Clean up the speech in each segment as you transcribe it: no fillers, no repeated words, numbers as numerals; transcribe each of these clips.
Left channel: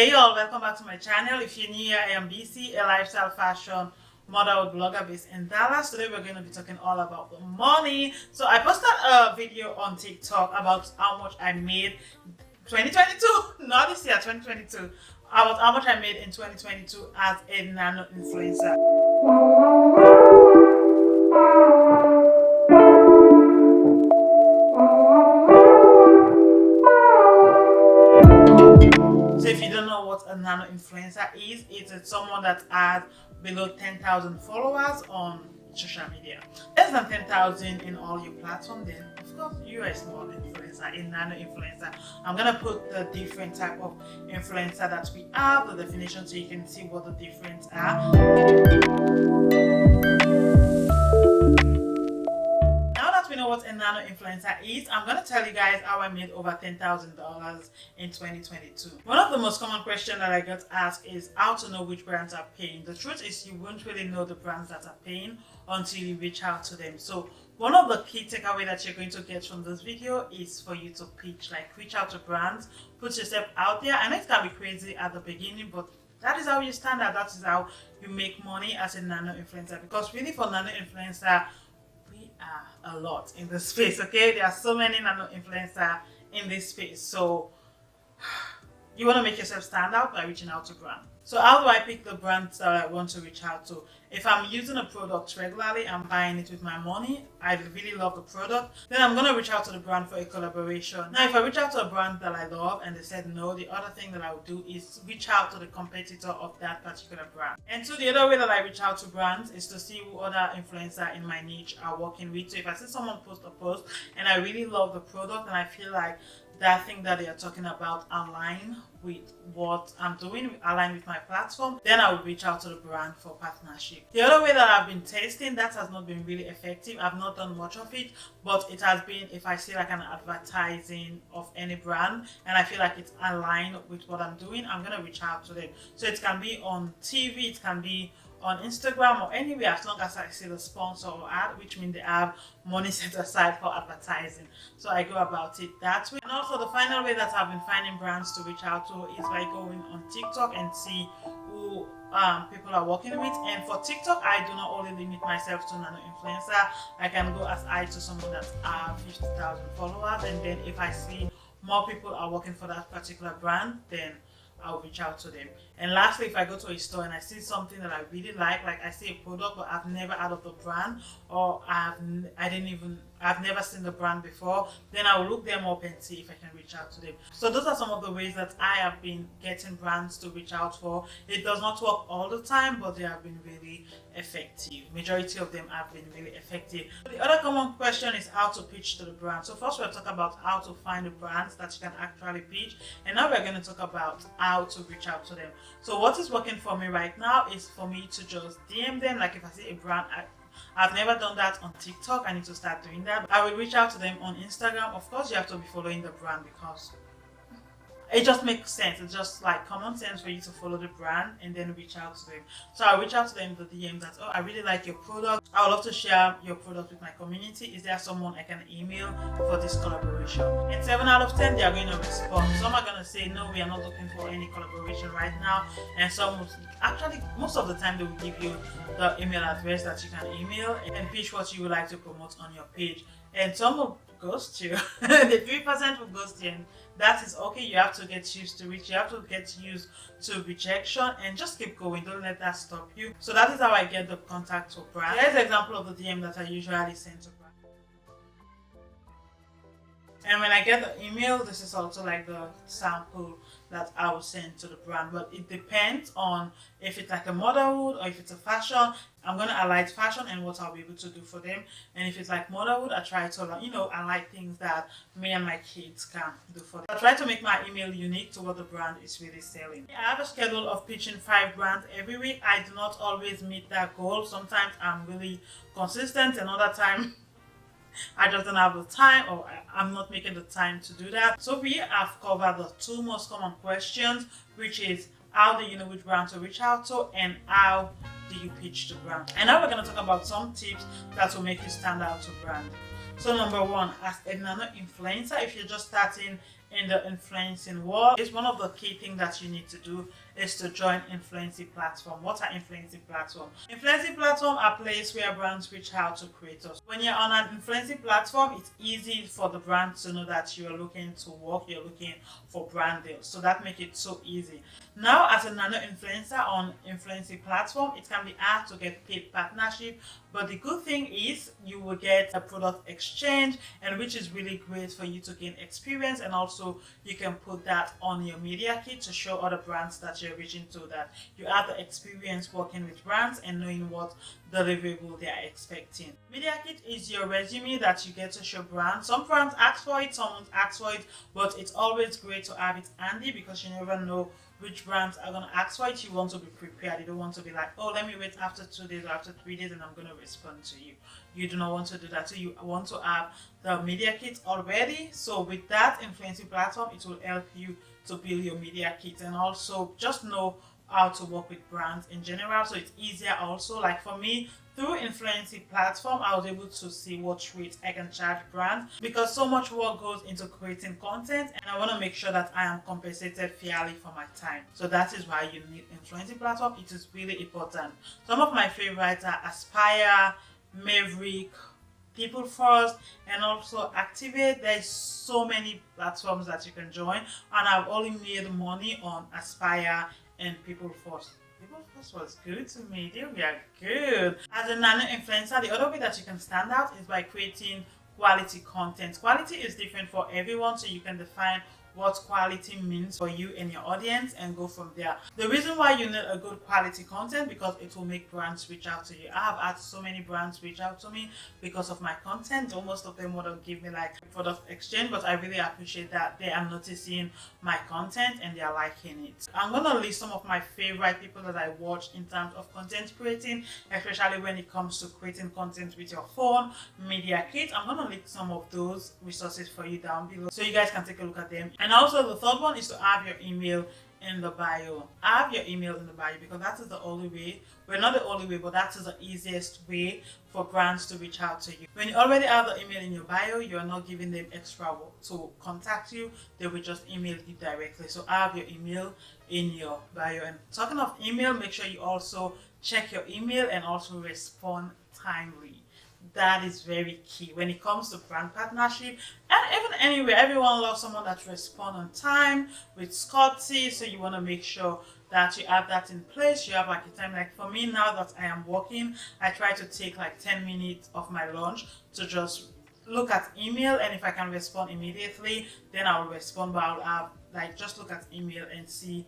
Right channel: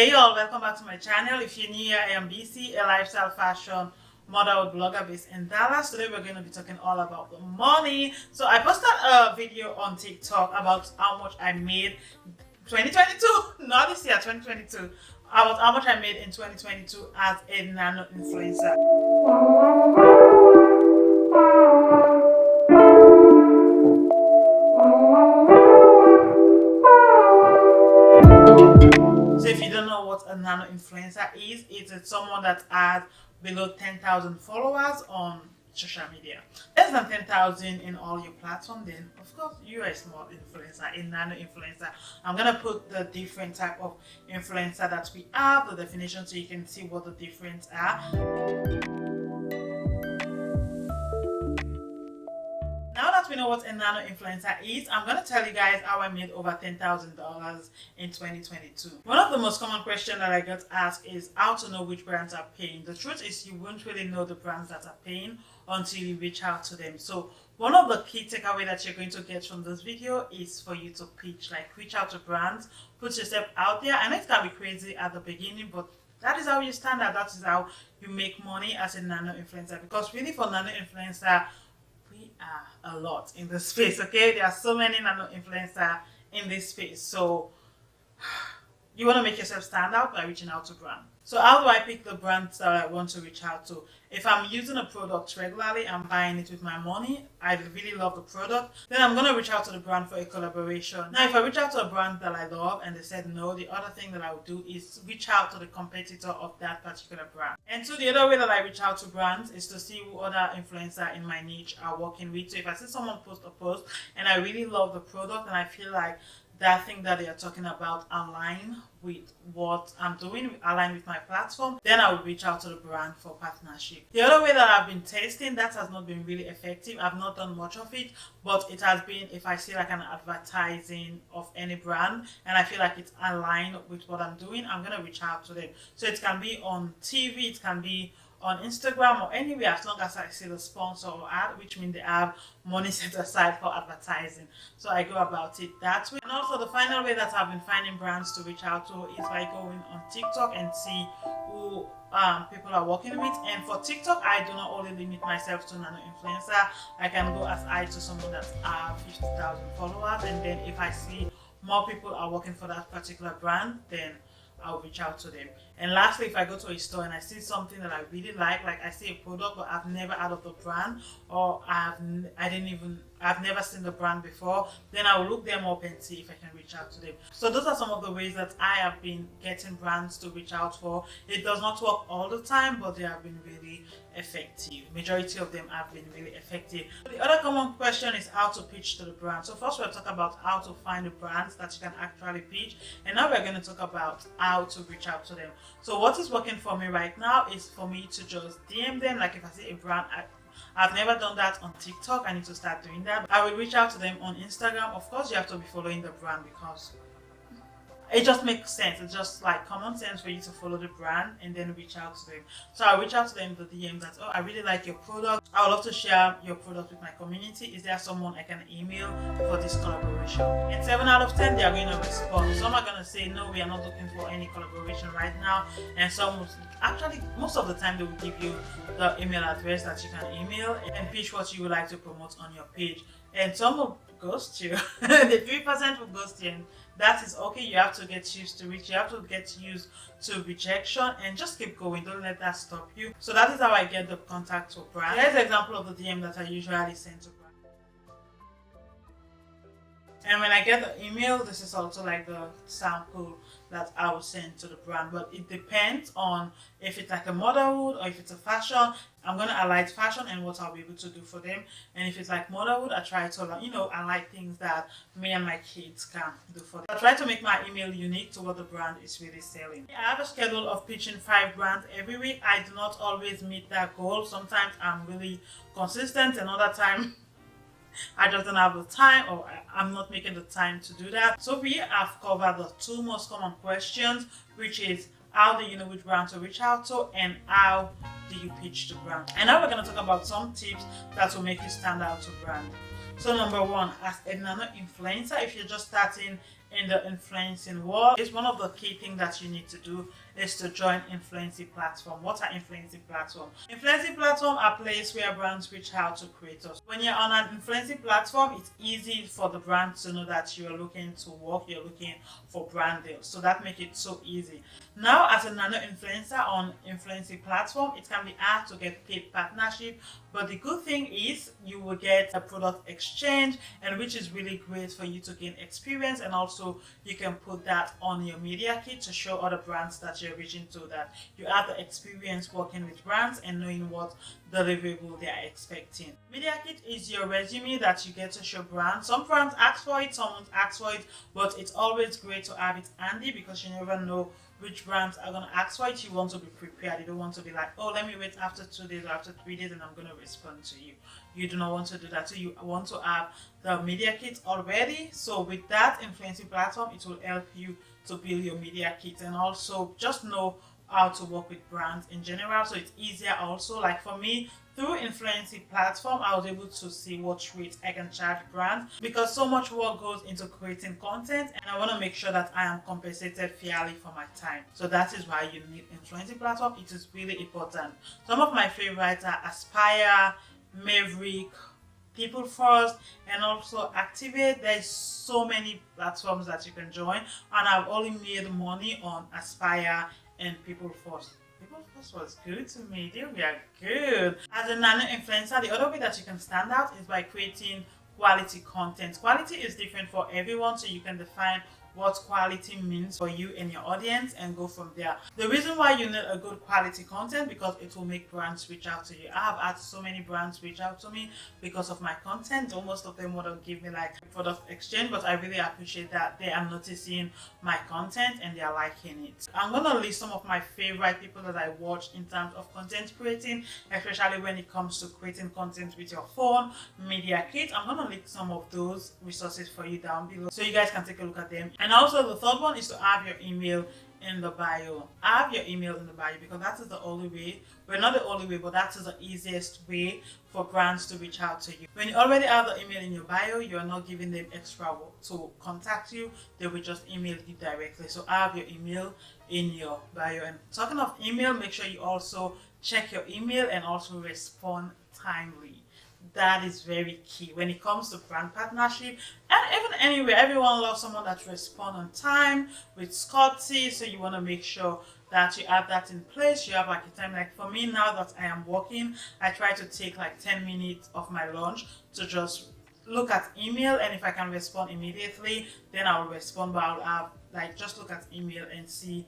Hey y'all, welcome back to my channel. If you're new here, I am BC, a lifestyle fashion model blogger based in Dallas. Today we're going to be talking all about the money. So I posted a video on TikTok about how much I made 2022, not this year, 2022. About how much I made in 2022 as a nano-influencer. So if you don't know what a nano-influencer is, it's someone that has below 10,000 followers on social media. Less than 10,000 in all your platforms, then of course you are a small influencer, a nano-influencer. I'm gonna put the different type of influencer that we have, the definition, so you can see what the difference are. Now that we know what a nano-influencer is, I'm going to tell you guys how I made over $10,000 in 2022. One of the most common questions that I get asked is how to know which brands are paying. The truth is you won't really know the brands that are paying until you reach out to them. So one of the key takeaways that you're going to get from this video is for you to pitch, like reach out to brands, put yourself out there. I know it's going to be crazy at the beginning, but that is how you stand out. That is how you make money as a nano-influencer. Because really for nano-influencer, we are a lot in this space, okay? There are so many nano-influencers in this space. So you want to make yourself stand out by reaching out to brands. So how do I pick the brands that I want to reach out to? If I'm using a product regularly, I'm buying it with my money, I really love the product, then I'm going to reach out to the brand for a collaboration. Now, if I reach out to a brand that I love and they said no, the other thing that I would do is reach out to the competitor of that particular brand. And so the other way that I reach out to brands is to see who other influencers in my niche are working with. So if I see someone post a post and I really love the product and I feel like that thing that they are talking about align with what I'm doing, align with my platform, then I will reach out to the brand for partnership. The other way that I've been testing, that has not been really effective. I've not done much of it, but it has been if I see like an advertising of any brand and I feel like it's aligned with what I'm doing, I'm going to reach out to them. So it can be on TV, it can be on Instagram or anywhere, as long as I see the sponsor or ad, which means they have money set aside for advertising. So I go about it that way. And also the final way that I've been finding brands to reach out to is by going on TikTok and see who people are working with. And for TikTok, I do not only limit myself to nano-influencer. I can go as high to someone that's 50,000 followers, and then if I see more people are working for that particular brand, then I'll reach out to them. And lastly, if I go to a store and I see something that I really like I see a product but I've never heard of the brand, or I've never seen the brand before, then I'll look them up and see if I can reach out to them. So those are some of the ways that I have been getting brands to reach out for. It does not work all the time, but they have been really effective. Majority of them have been really effective. The other common question is how to pitch to the brand. So first we'll talk about how to find the brands that you can actually pitch, and now we're going to talk about how to reach out to them. So what is working for me right now is for me to just DM them. Like if I see a brand, I've never done that on TikTok, I need to start doing that. I will reach out to them on Instagram. Of course you have to be following the brand because it just makes sense. It's just like common sense for you to follow the brand and then reach out to them. So I reach out to them with the DM that, oh, I really like your product. I would love to share your product with my community. Is there someone I can email for this collaboration? And 7 out of 10, they are going to respond. Some are going to say, no, we are not looking for any collaboration right now. And some will, actually, most of the time, they will give you the email address that you can email and pitch what you would like to promote on your page. And some will ghost you. And the 3% will ghost you. That is okay. You have to get used to it. You have to get used to rejection and just keep going. Don't let that stop you. So that is how I get the contact to brands. Here's an example of the DM that I usually send to brands. And when I get the email, this is also like the sample that I will send to the brand. But it depends on if it's like a motherhood or if it's a fashion. I'm going to highlight fashion and what I'll be able to do for them. And if it's like motherhood, I try to, highlight things that me and my kids can do for them. I try to make my email unique to what the brand is really selling. I have a schedule of pitching 5 brands every week. I do not always meet that goal. Sometimes I'm really consistent, another time I just don't have the time, or I'm not making the time to do that. So we have covered the 2 most common questions, which is how do you know which brand to reach out to and how do you pitch to brand. And now we're going to talk about some tips that will make you stand out to brand. So number 1, as a nano-influencer, if you're just starting in the influencing world. It's one of the key things that you need to do is to join influencing platform. What are influencing platform? Influencing platform are places where brands reach out to creators. When you're on an influencing platform, it's easy for the brand to know that you're looking to work, you're looking for brand deals. So that makes it so easy. Now, as a nano influencer on influencing platform, it can be hard to get paid partnership, but the good thing is you will get a product exchange, and which is really great for you to gain experience, and also you can put that on your media kit to show other brands that you're reaching to that you have the experience working with brands and knowing what deliverable they are expecting. Media kit is your resume that you get to show brands. Some brands ask for it, some don't ask for it, but it's always great to have it handy because you never know which brands are going to ask for it. You want to be prepared. You don't want to be like, oh, let me wait after 2 days or after 3 days and I'm going to respond to you. You do not want to do that. So you want to have the media kit already. So with that influencing platform, it will help you to build your media kit and also just know how to work with brands in general. So it's easier also. Like for me, through influencing platform, I was able to see what rate I can charge brands because so much work goes into creating content and I want to make sure that I am compensated fairly for my time. So that is why you need influencing platform. It is really important. Some of my favorites are Aspire, Maverick, People First, and also Activate. There's so many platforms that you can join, and I've only made money on Aspire and People First. People First was good to me. They were good. As a nano influencer, the other way that you can stand out is by creating quality content. Quality is different for everyone, so you can define what quality means for you and your audience and go from there. The reason why you need a good quality content because it will make brands reach out to you. I have had so many brands reach out to me because of my content. Most of them want to give me like product exchange, but I really appreciate that they are noticing my content and they are liking it. I'm gonna list some of my favorite people that I watch in terms of content creating, especially when it comes to creating content with your phone, media kit. I'm gonna link some of those resources for you down below so you guys can take a look at them. And also the third one is to have your email in the bio. Have your email in the bio because that is the only way, well not the only way, but that is the easiest way for brands to reach out to you. When you already have the email in your bio, you are not giving them extra work to contact you. They will just email you directly. So have your email in your bio. And talking of email, make sure you also check your email and also respond timely. That is very key when it comes to brand partnership. Anyway, everyone loves someone that responds on time with courtesy. So you want to make sure that you have that in place. You have like a time. Like for me now that I am working, I try to take like 10 minutes of my lunch to just look at email, and if I can respond immediately, then I will respond. But I'll have like just look at email and see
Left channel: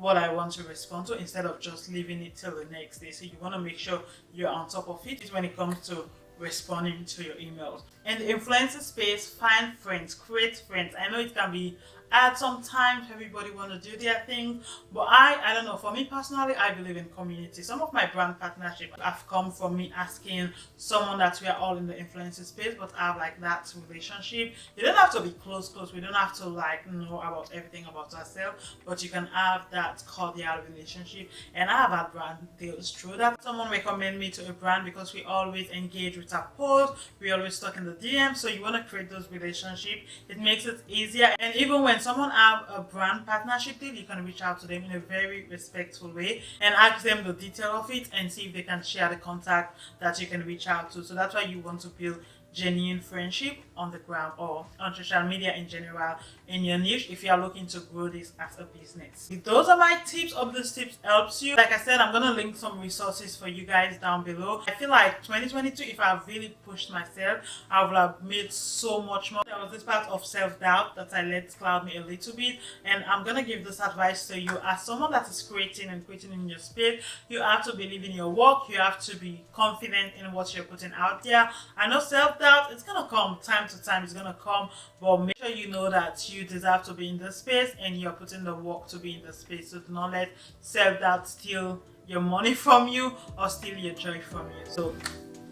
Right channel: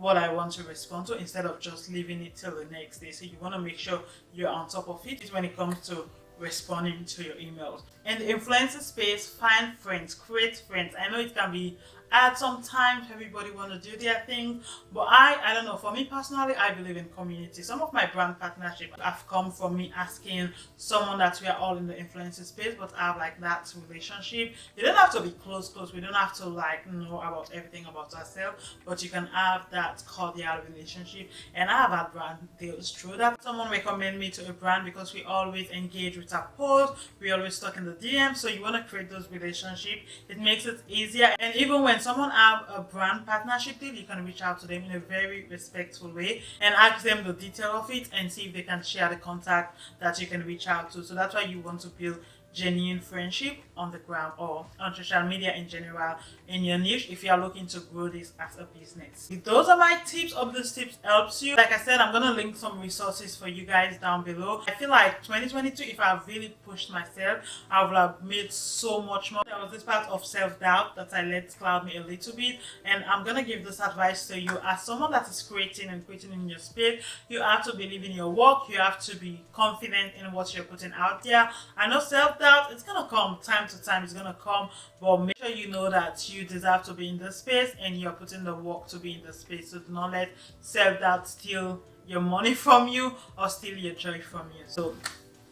what I want to respond to instead of just leaving it till the next day. So you want to make sure you're on top of it when it comes to responding to your emails. In the influencer space, find friends, create friends. I know it can be at some times everybody want to do their thing, but I don't know, for me personally, I believe in community. Some of my brand partnerships have come from me asking someone that we are all in the influencer space but have like that relationship. You don't have to be close, we don't have to like know about everything about ourselves, but you can have that cordial relationship. And I have had brand deals through that. Someone recommend me to a brand because we always engage with our posts, we always talk in the DM, so you want to create those relationships. It makes it easier, and even when someone have a brand partnership deal, you can reach out to them in a very respectful way and ask them the detail of it and see if they can share the contact that you can reach out to. So that's why you want to build genuine friendship on the ground or on social media in general in your niche if you are looking to grow this as a business. If those are my tips. Hope these tips helps you. Like I said, I'm gonna link some resources for you guys down below. I feel like 2022, if I really pushed myself, I would have made so much more. There was this part of self-doubt that I let cloud me a little bit, and I'm gonna give this advice to you as someone that is creating in your space. You have to believe in your work. You have to be confident in what you're putting out there. I know self-doubt, it's gonna come time to time, it's gonna come, but make sure you know that you deserve to be in this space and you're putting the work to be in the space. So do not let self-doubt steal your money from you or steal your joy from you. So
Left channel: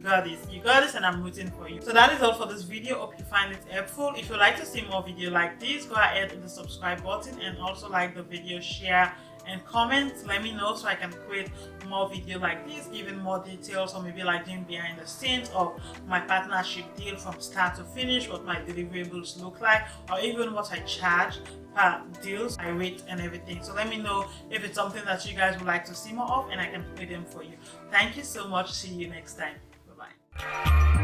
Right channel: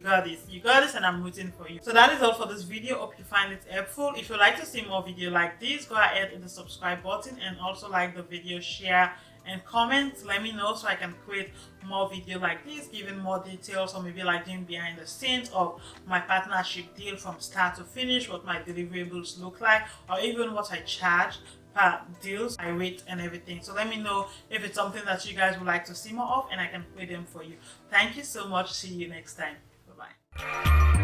you got this, and I'm rooting for you. So that is all for this video. Hope you find it helpful. If you'd like to see more videos like this, go ahead with the subscribe button and also like the video, share and comment. Let me know so I can create more videos like this, giving more details, or maybe like doing behind the scenes of my partnership deal from start to finish, what my deliverables look like, or even what I charge per deals, my rate and everything. So let me know if it's something that you guys would like to see more of, and I can create them for you. Thank you so much. See you next time. Bye.